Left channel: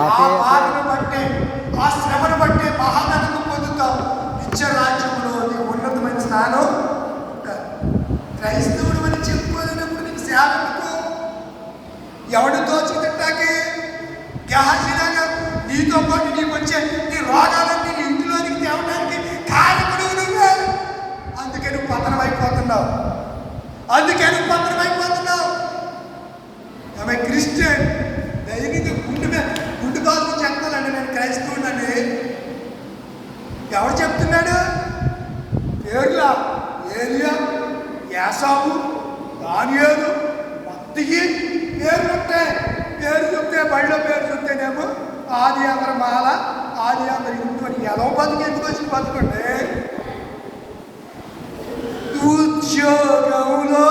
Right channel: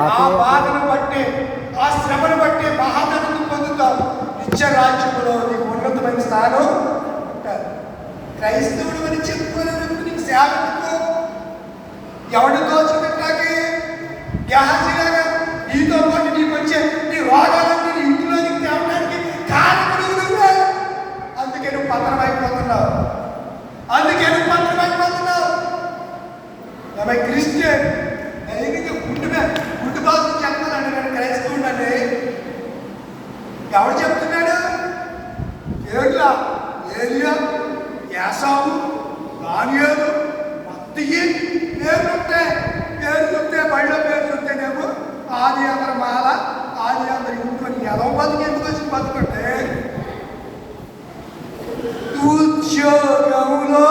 ఆ బాధను బట్టి, ఆ శ్రమను బట్టి మహామహిమ పొందుతాం. నిత్య రాజ్యంలో నీకు ఉన్నతమైన స్థానం ఉంటారు. క్రైస్తవుడు అని చెప్పుకోలేనప్పుడు నీకు సేవకు ఎవడు దోచుకుంటాకి గ్యాసిలాగా నీతో పాటు నీకు వచ్చే నీ రోగాలన్నీ నీ ఇంట్లోనికి తేవడానికి కారణకుడు నువ్వే. అందుకే నువ్వు పతనమైపోతున్నావు. ఆమె క్రిస్టియన్ దైనిక గుండు బాధ చెప్తానండి. నేను క్రైస్తవుడని ఎవడు చెప్తున్నాడు? ఏలియా, యాసావు, దానియేలు, మత్తయి పేరు చూస్తే బడిలో పేరు చూస్తేనేమో ఆది అందరి మాల, ఆది అందరి ఇంట్లో ఎలా బతికి ఎందుకు వచ్చిన బతుకుంటే ఉద్యోగంలో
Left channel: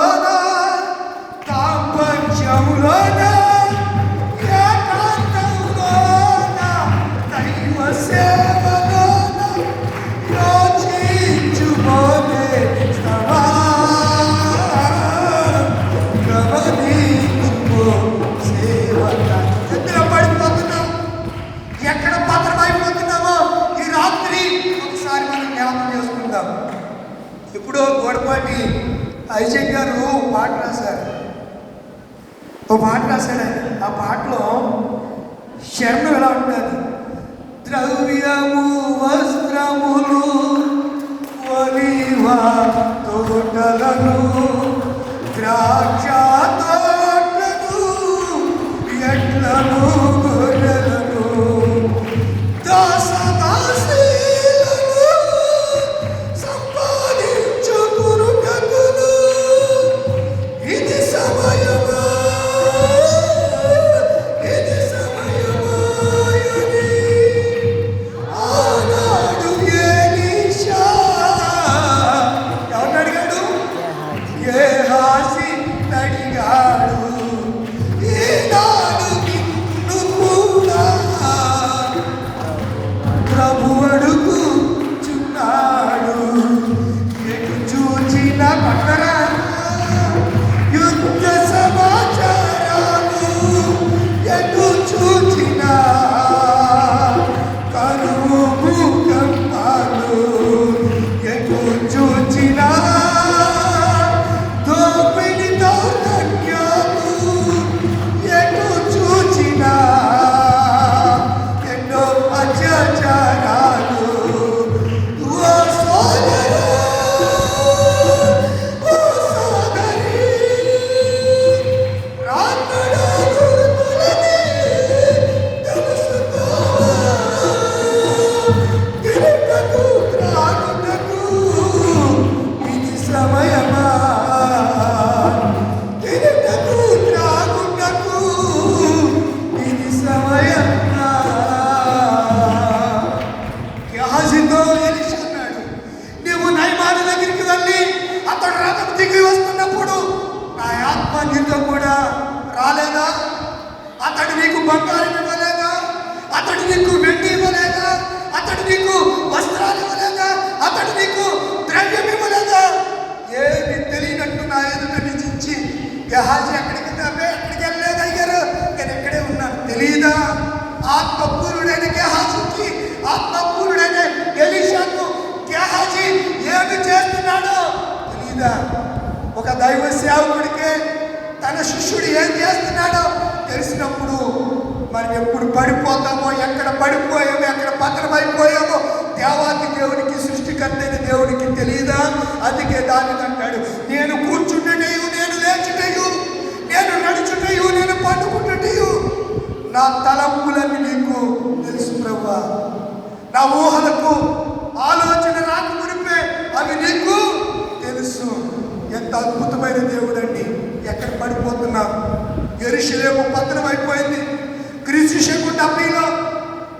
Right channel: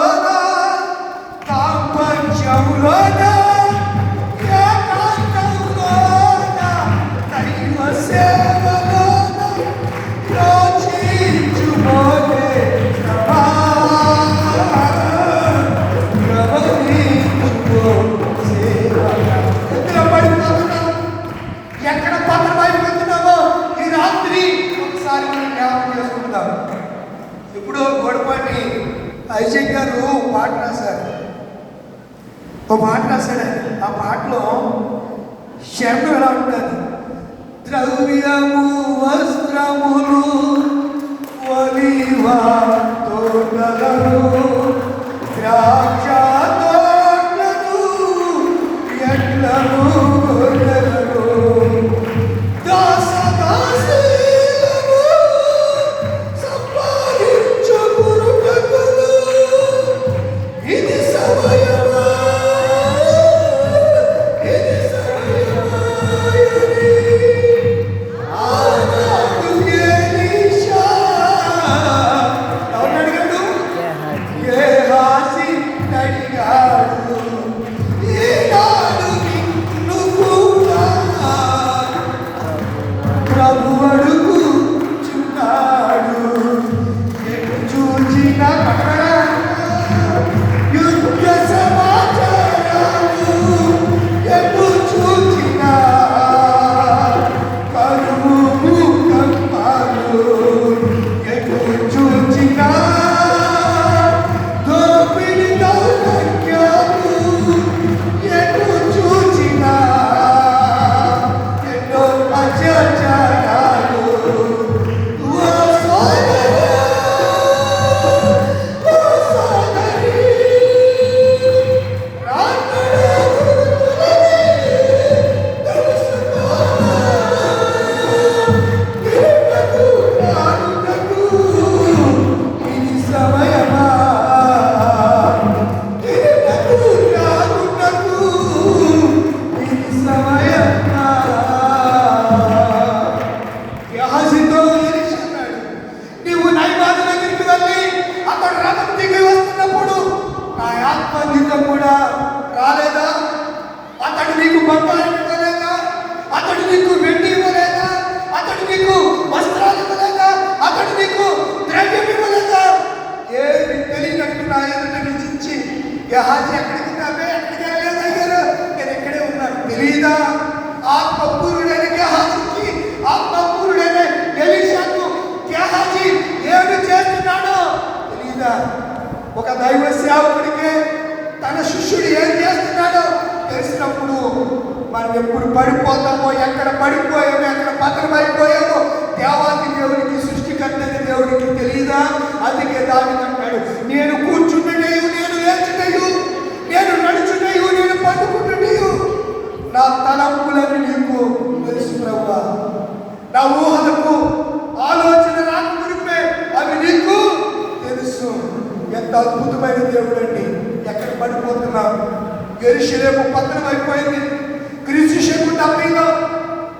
ఐజక్ గారు పాట రాశాడు. ఆ పాటలో శరణం ఎలా ఉంటుంది? ద్రవ్యము వస్త్రములు ఒలివ తోటలను ద్రాక్ష తోటలను ఎట్లను గొర్రెలను దాసదాసీలను సంపాదించుకురుటకును ఇది సమయమా. గెహాజీ ఎక్కడికి వెళ్ళలేదు అయ్యారు, నేను ఇక్కడే ఉన్నాను. తెలీదా? ఆత్మపూర్ణుడైన గెహాజీకి, ఆత్మపూర్ణుడైన ఎలీషాకు గెహాజీ ఏమి చేస్తున్నాడో తెలీదా? ఒక దైవ సేవకుడికి తన శిష్యుడు ఏం చేస్తున్నాడో తెలిసినప్పుడు మనం ఎప్పుడు పడిపోతామో, ఎక్కడ పడిపోయామో, ఎక్కడ పతనమైపోయామో దేవాకి దేవునికి, సృష్టికర్తైన దేవునికి తెలీదా? అందుకే దానికి అంటాడు, నేను కూర్చుంటేయు, నేను లేచుటయు, నేను నడుచుటయు, నేను పండుకుంటుటయు నా తలంపులని నీకు తెలుసు ప్రభువా. నా ఊహలకు ఆలోచన రాకమునిపే అవి నీకు తెలుసు. ఎంత అద్భుతమైన దేవుడు అండి. ఎక్కడ పడిపోతున్నాం? యెరూషలేము పతనమైపోయింది. క్రీస్తు శకం 70లో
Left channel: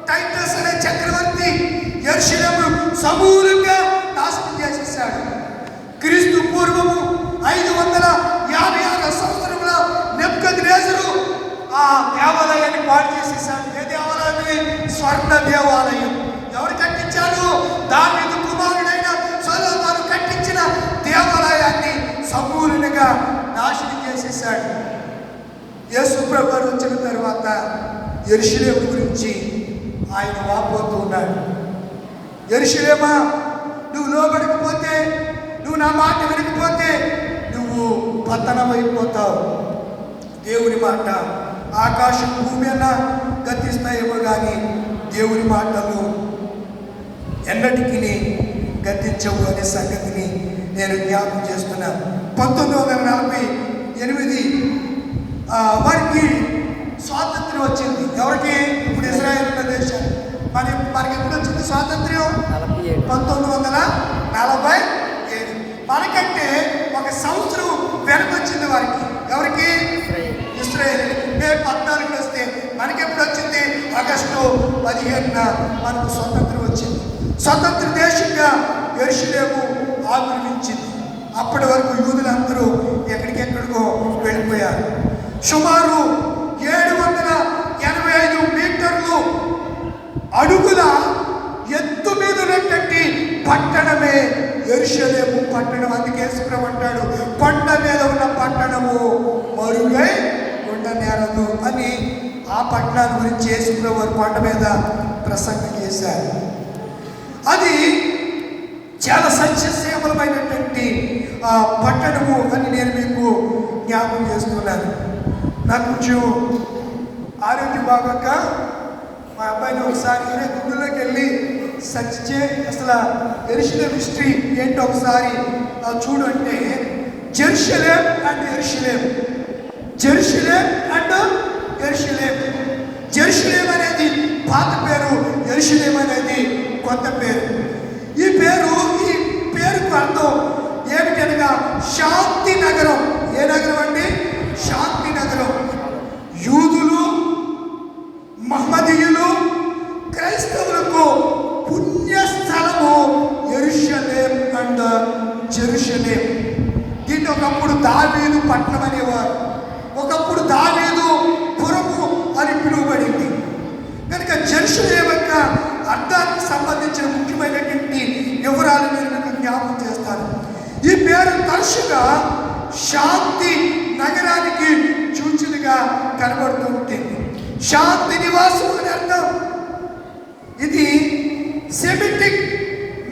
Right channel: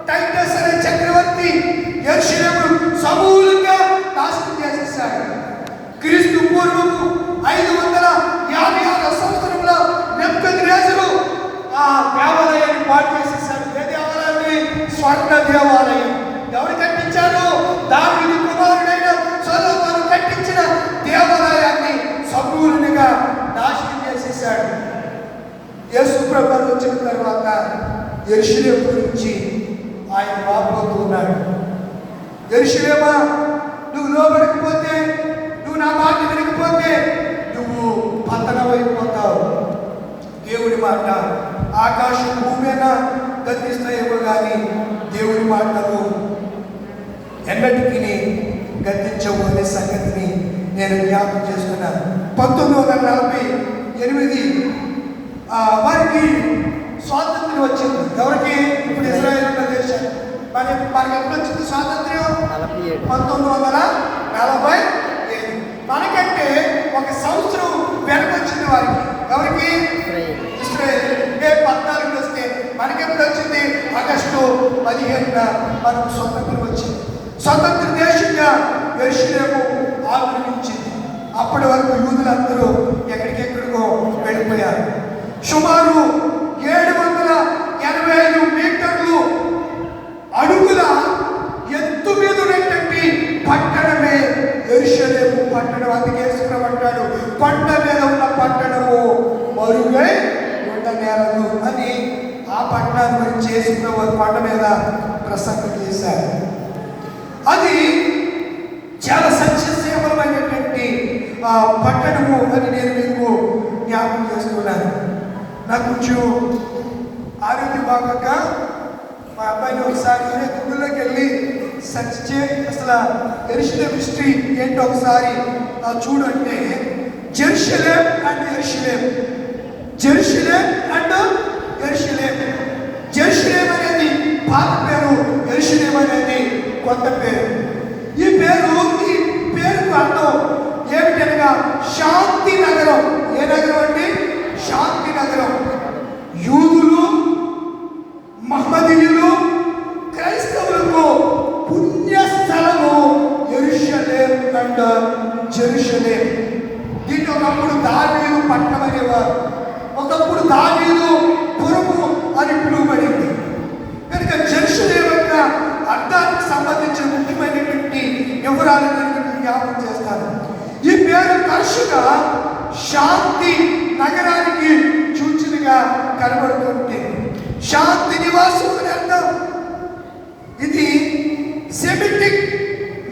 టైటస్ అనే చక్రవర్తి యెరూషలేము సమూలంగా నాశనం చేసేసాడు. క్రీస్తు పూర్వము 556 సంవత్సరంలో నెబుకద్నెజరు ఆ దేవాలయాన్ని పాడు చేసేసాడు. ఏ దేవాలయం? స్వర్ణ దేవాలయం. ఎవరు కట్టించారు? దావీదు కుమారుడైన సొలొమోను కట్టించిన దేవాలయాన్ని సమూలంగా నాశనం చేసేసాడు. యేసు ప్రభువు వచ్చిన తర్వాత యెరూషలేము గురించి ఆయన వాపోతూ ఉన్నాడు. యెరూషలేమా, నువ్వు లోబడకపోతే, నువ్వు నా మాట వినకపోతే నువ్వు పతనమైపోతావు. దేవుడి మాట ఆకాశం భూమి అన్న గతిస్తాయేమో కానీ దేవుడి మాటలు ఎన్నటికీ గతించవు అనే సంగతిని నేను జ్ఞాపకం చేస్తున్నాను. 1948 వారికి స్వాతంత్ర్యం వచ్చింది. ఎవరికి? ఇప్పుడు ఇజ్రాయెల్ ఉన్న దేశాన్ని. మనకి ఎప్పుడు వచ్చింది స్వాతంత్ర్యం? 1947. మనకంటే ఒక సంవత్సరం వెనకొచ్చింది వారికి. ఎవరికి? ఇజ్రాయెల్. మే 14 వస్తే మనకెప్పుడు వచ్చింది? ఆగస్టు 15న మనకు స్వతంత్రం వచ్చింది. స్వతంత్ర దేశంగా యెరూషలేము ఆవిర్భవించింది. అప్పటి వరకు యూదులందరూ ఎక్కడికెక్కడికో వెళ్ళిపోయారు. సుమారు 785 మీటర్లు అడుగుల ఎత్తు మీద ఉన్నటువంటి పట్టణమే యెరూషలేము పట్టణం. అందుకే యేసుప్రభువు అంటాడు, కొండ మీద ఉన్న పట్టణము మరుగై ఉండనేరదు అని. ఆ పట్టణం గురించి యేసుప్రభువు కొండ మీద ప్రసంగం చేశారు. అది చాలా సత్యశీలమైనటువంటి పట్టణము అని నేను మీకు జ్ఞాపకం చేస్తున్నాను. నాకు కొంచెం ఆరోగ్యం బాగాక మా అబ్బాయిని ఒకసారి గుండెలోకి వెళ్ళి సెర్చ్ చేసి అసలు యెరూషలేము హిస్టరీ ఏంటో ఒకసారి చూడు అంటే, జెరూషలేం అండ్ యెరూషలేం, జెరూషలేం అండ్ యెరూషలేం. జెరూషలేం అనేది పాత పేరు, యెరూషలేం అనేది కొత్త పేరు. ఈ పేరుకు అర్థం ఏమిటనగా శాంతి నగరం. ఏ నగరం అండి? శాంతి నగరం. యూదులు, మహమ్మదీయులు, క్రైస్తవులకు పుణ్యస్థలము యెరూషలేం అండ్ జెరూషలేం. దీన్ని ఒకప్పుడు దావీదు పట్టణం అనేవారు, ఒకప్పుడు దావీదు పురము అని పిలువబడింది. కనుక జెరూషలేం యొక్క అర్థానికి సంబంధించిన ముఖ్యమైనటువంటి వివరాలు నేను జ్ఞాపకం చేస్తాను. ఈ పేరు తరచుగా శాంతి నగరానికి సూచనగా కనబడుతూ ఉంటుంది. శాంతి నివాసం అని అర్థం. ఇది సెమిటిక్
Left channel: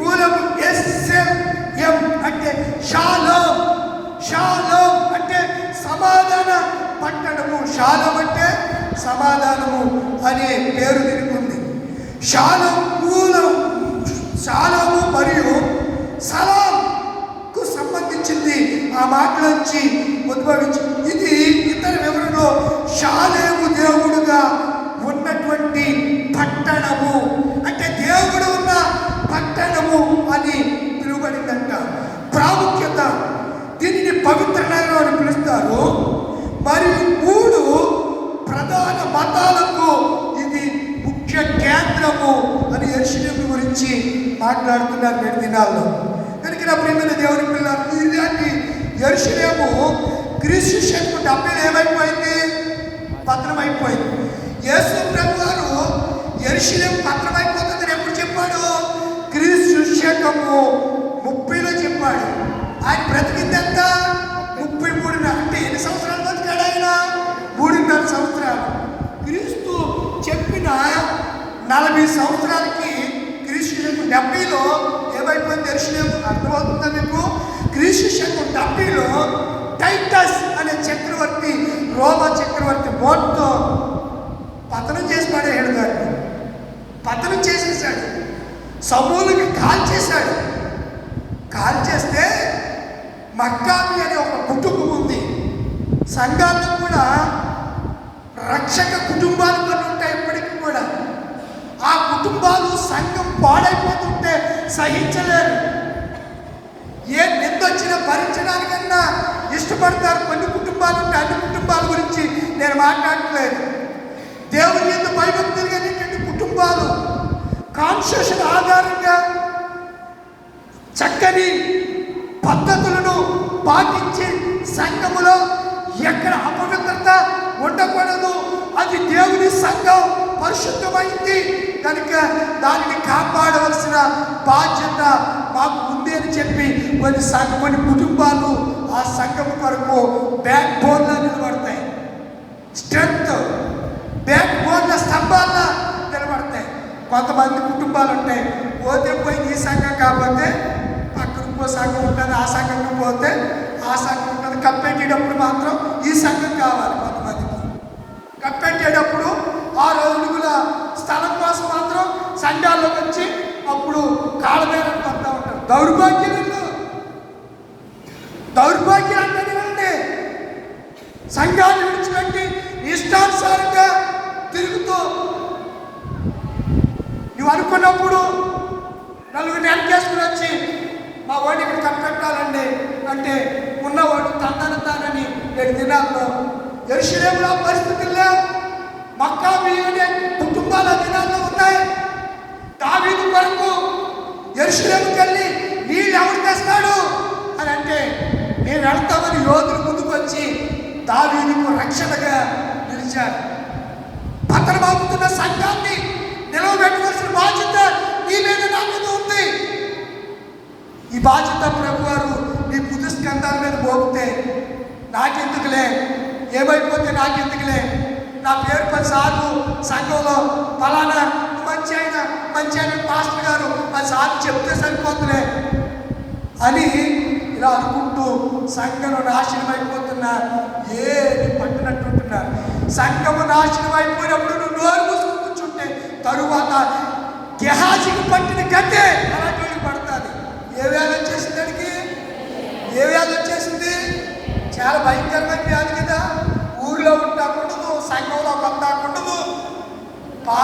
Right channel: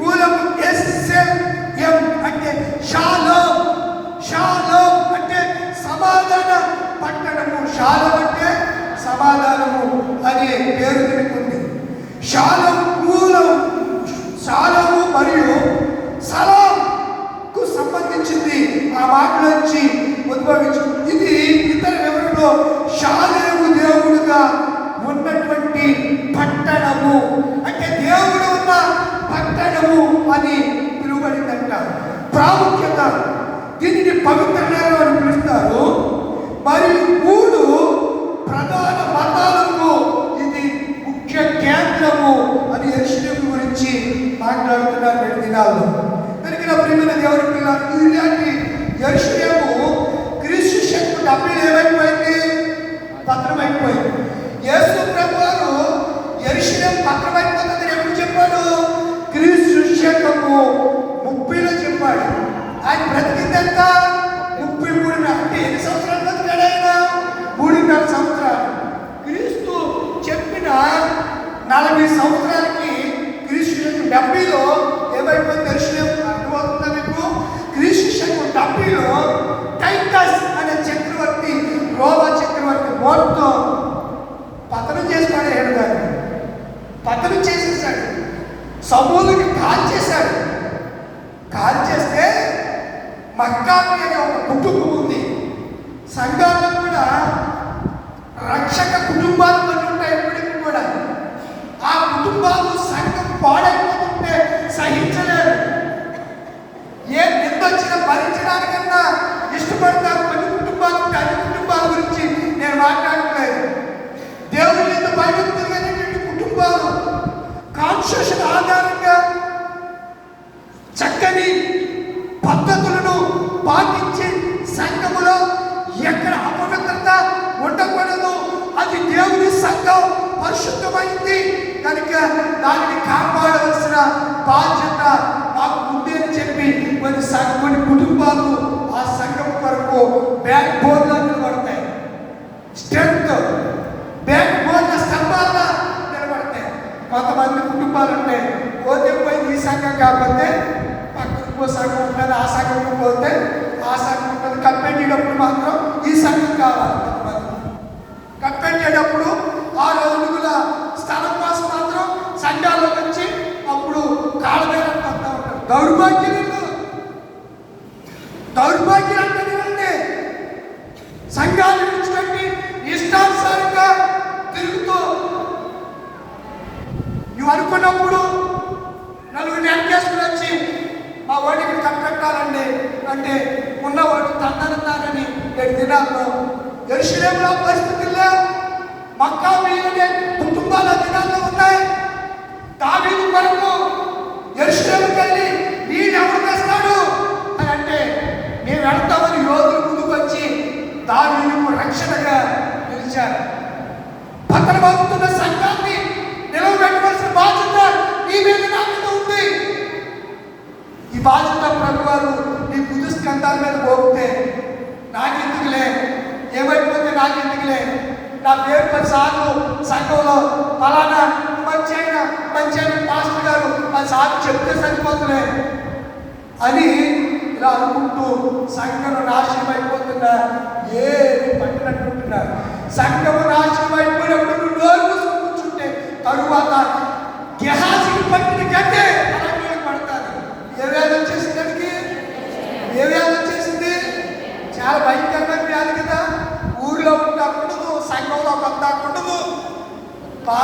మూలం ఎస్ఎం అంటే షాలోం. షాలోం అంటే సమాధాన పట్టణము. షాలోం అంటే సమాధానము అనే పేరు దీనికి ఉంది. షాలోం మూలం షాలోము మరియు సలాంకు సంబంధించింది. ఆ మాట నుంచి ఉద్భవించింది. ఇది ఇతర వివరణలో షాలేము దేవుడుగా ఉన్నటువంటి పట్టణము అంటే దేవుడు ఉన్న పట్టణము అని పిలువబడిందంట. ప్రాముఖ్యత దీనిని పవిత్ర నగరం అని పిలుస్తారు. మరియు 3 ప్రధాన మతాలకు ఇది ముఖ్య కేంద్రము అని యెరూషలేము గురించి మాట్లాడుతున్నారు నేటి దినాల్లో. కనుక నా ప్రియమైన దేవుని పిల్లలు, ఇలాంటి యెరూషలేము క్రీస్తు శకం 70 ఏమైపోయింది? పతనమైపోయింది. యేసు ప్రభువారు యెరూషలేము పతనమైపోతుందని ఎప్పుడు చెప్పాడు? క్రీస్తు శకము 30లో చెప్పాడు. ఆయన బ్రతికింది ఎంత? 33. అంటే ఎన్ని సంవత్సరాలు బ్రతికాడు ఆయన? 3.5 సంవత్సరాలు. క్రీస్తు చెప్పిన 40 సంవత్సరాలకి క్రీస్తు శకం 70లో ఏమైపోయింది యెరూషలేము? అర్థమవుతుందా మీకు? క్రీస్తు శకం 70లో టైటస్ అనే చక్రవర్తి, రోమా చక్రవర్తి మొత్తం పతనం చేసి పడేయడు. గారు పతనం చేసేసాడు. సమూలకి కాల్చేశాడు. కాల్చేస్తే మక్కాబీ అనే ఒక కుటుంబం ఉంది. సంఘాల్లో కూడా రక్షక కుటుంబాలు కొన్ని ఉంటాయి. ఇప్పటికీ కూడా ఆ కుటుంబాలు సంఘం పాడైపోతుంటే సహించలేరు. ఏ నిందొచ్చినా భరించడానికన్నా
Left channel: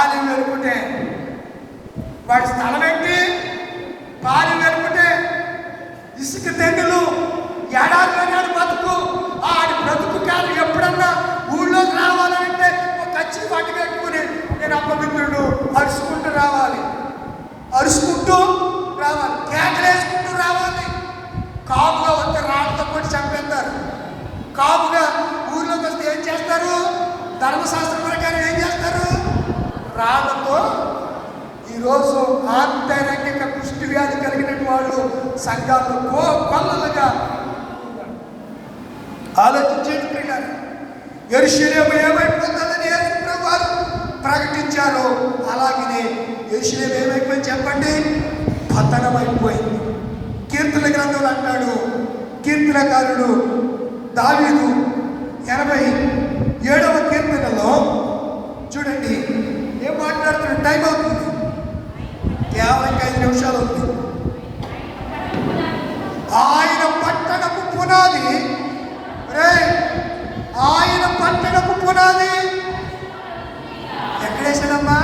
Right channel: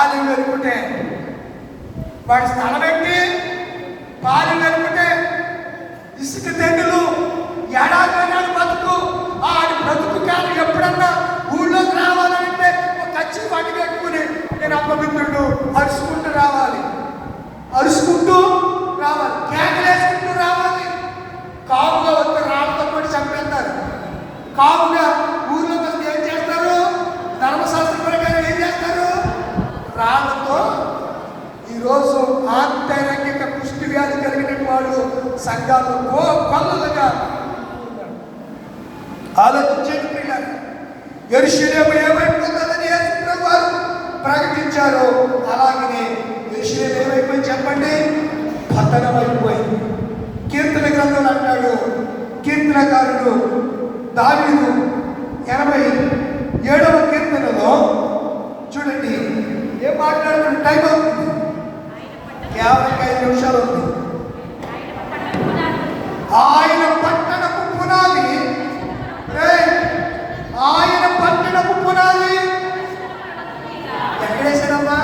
పాలు వెలుకుంటే వాడి స్థలం ఏంటి? పాలు వెలుకుంటే ఇసుక తెగులు ఎడారి బతుకు. ఆడి బ్రతుకు కాదు. ఎప్పుడన్నా ఊళ్ళోకి రావాలంటే ఒక కచ్చి పట్టు కట్టుకుని నేను అప్పమిత్రుడు అరుచుకుంటూ రావాలి, అరుచుకుంటూ రావాలి, కేకలేసుకుంటూ రావాలి. కాపుగా వస్తే రాళ్ళతో పడి చంపేస్తారు. కాపుగా ఊర్లోకి వస్తే ఏం చేస్తారు? ధర్మశాస్త్రం ప్రకారం ఏం చేస్తారు? రాళ్ళతో. ఈరోజు ఆంతరంగిక కుష్టి వ్యాధి కలిగిన వాళ్ళు సంఘాల్లో కొల్లలుగా ఆలోచించేది. యెరూషలేము ఏమైపోతుందని యేసుప్రభు వారు ప్రకటించారు. అలాగనే యెరూషలేము ఏమైపోయింది చెప్పండి? పతనమైపోయింది. కీర్తన గ్రంథంలో అంటాడు కీర్తనకారుడు దావీదు 87వ కీర్తనలో చూడండి ఏం మాట్లాడుతున్న టైం అవుతుంది. కేవలం 5 నిమిషాలు ఉంది. ఆయన పట్టణపు పునాది, ఆయన పట్టణపు పునాది ఎక్కడేసాడమ్మా?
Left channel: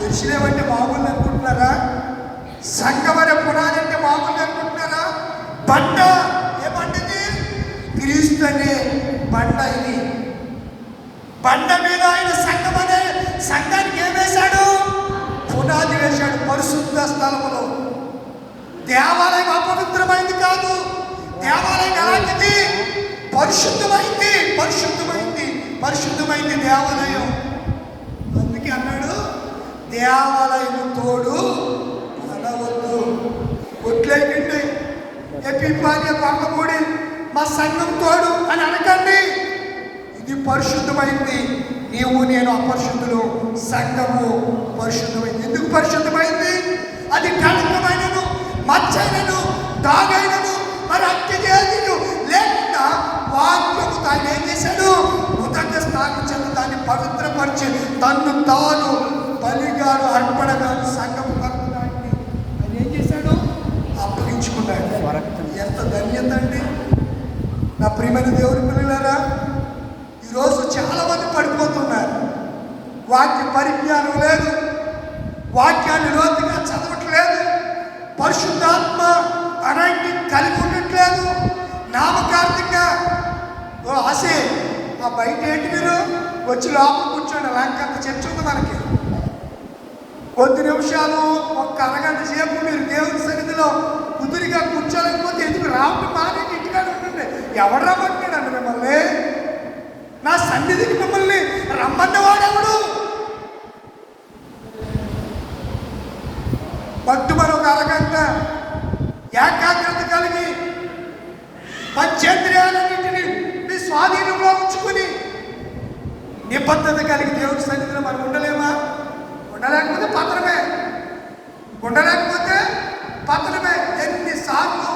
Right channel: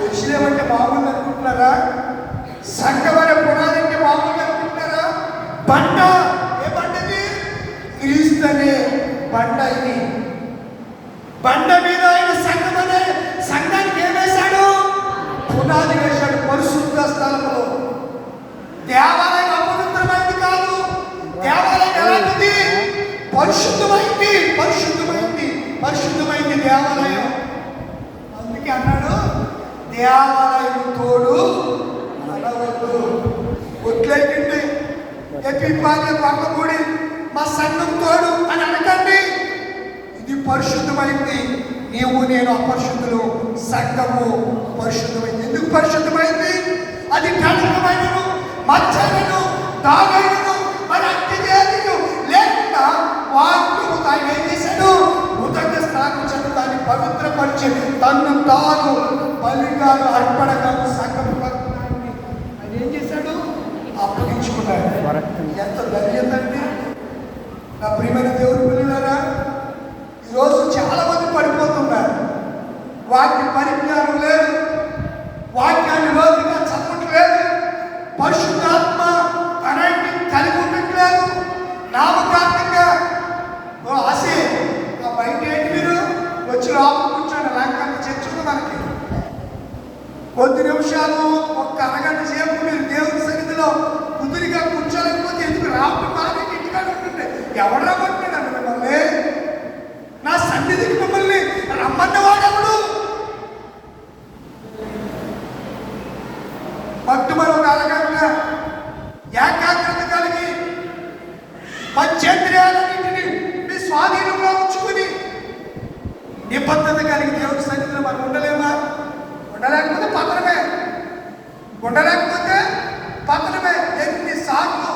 యెరూషలేము అంటే మామూలు అనుకుంటున్నారా? సంగమనే పునాది అంటే మామూలు అనుకుంటున్నారా? బండ. ఏ బండది? క్రీస్తు అనే బండ. ఇది బండ మీద ఆయన సంగమనే సంఘానికి ఏం వేశాడు? పునాది వేశాడు. పరిశుద్ధ స్థలంలో. దేవాలయం అపవిత్రమైంది కాదు. దేవాలయం ఎలాంటిది? పరిశుద్ధమైంది, పరిశుద్ధమైంది, పరిశుద్ధమైంది దేవాలయం. అందుకే అన్నాడు దేవాలయం తోడు మనవద్దు. ఒట్లేకండి ఎపిపాల్య పక్కకూడి మా సంఘం తోడు అని అనకండి. ఇది పరిశుద్ధమైంది. నీవు నేను అపరిశుద్ధులు, సంఘము పరిశుద్ధమైంది. ఎందుకు పరిశుద్ధమైంది? అది కళంకమైనను, మచ్చైనను, దాగైనను, మరి అత్యజేయను లేకుండా వాక్యము తాను ఏం చేశాడు? ఉదక స్థానం చేత దాన్ని పవిత్రపరిచి తన్ను తాను బలిగాను అర్పణగాను సంఘము కలుగుతాయని ఆయన ఏం చేశాడు? అప్పగించుకున్నాడు. ఎంత ధన్యత అండి నా ప్రియమైన దేవుని పిల్లలారా. ఈరోజు చాలా మంది పడిపోతున్నారు. వాక్య పరిజ్ఞానం లేదు, వాక్యాన్ని లోతుగా చదవట్లేదు, పరిశుద్ధాత్మ అలాంటి కలిగి ఉండట్లేదు. నామకార్థంగా ఆశే ఆ బయట ఏంటి మీరు వచ్చి లోపల కూర్చోండి. నాకంత చర్చ ఉంది మనకి. కొద్ది నిమిషాలు ఒక్క అరగంట సేపు మీరు దేవుని సన్నిధిలో కుదిరిగా కూర్చోలేకపోతే ఎందుకు రావడం? బాగా ఇంటికాడ ఉంటుండే. ఎవడరా కొట్టినాడు మిమ్మల్ని? నా సన్నిధికి మిమ్మల్ని రమ్మన్నవాడెవడు? పట్టుమని ఒక అరగంట ఏకాగ్రత కలిగి పంచేంద్రియాలన్నింటినీ మీ స్వాధీనంలో ఉంచుకుని నిబద్ధత కలిగి దేవుని సన్నిధిలో మనం ఉండలేమా? ఉండలేకపోతే పతనమే. ఉండలేకపోతే పతనమే. ఎన్నిసార్లు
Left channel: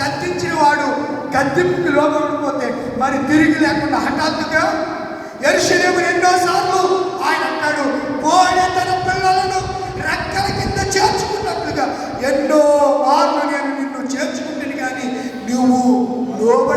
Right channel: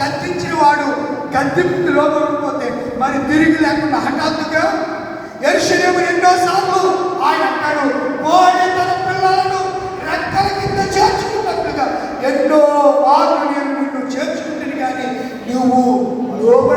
గద్దించిన వాడు గద్దింపుకి లోపడిపోతే మరి తిరిగి లేకుండా హఠాత్తుగా యెరూషలేము ఎన్నోసార్లు ఆయన అంటాడు కోడి తన పిల్లలను రెక్కల కింద చేర్చుకున్నట్లుగా ఎన్నో మార్లు నేను నిన్ను చేర్చుకుంటాను కానీ నువ్వు లోబడి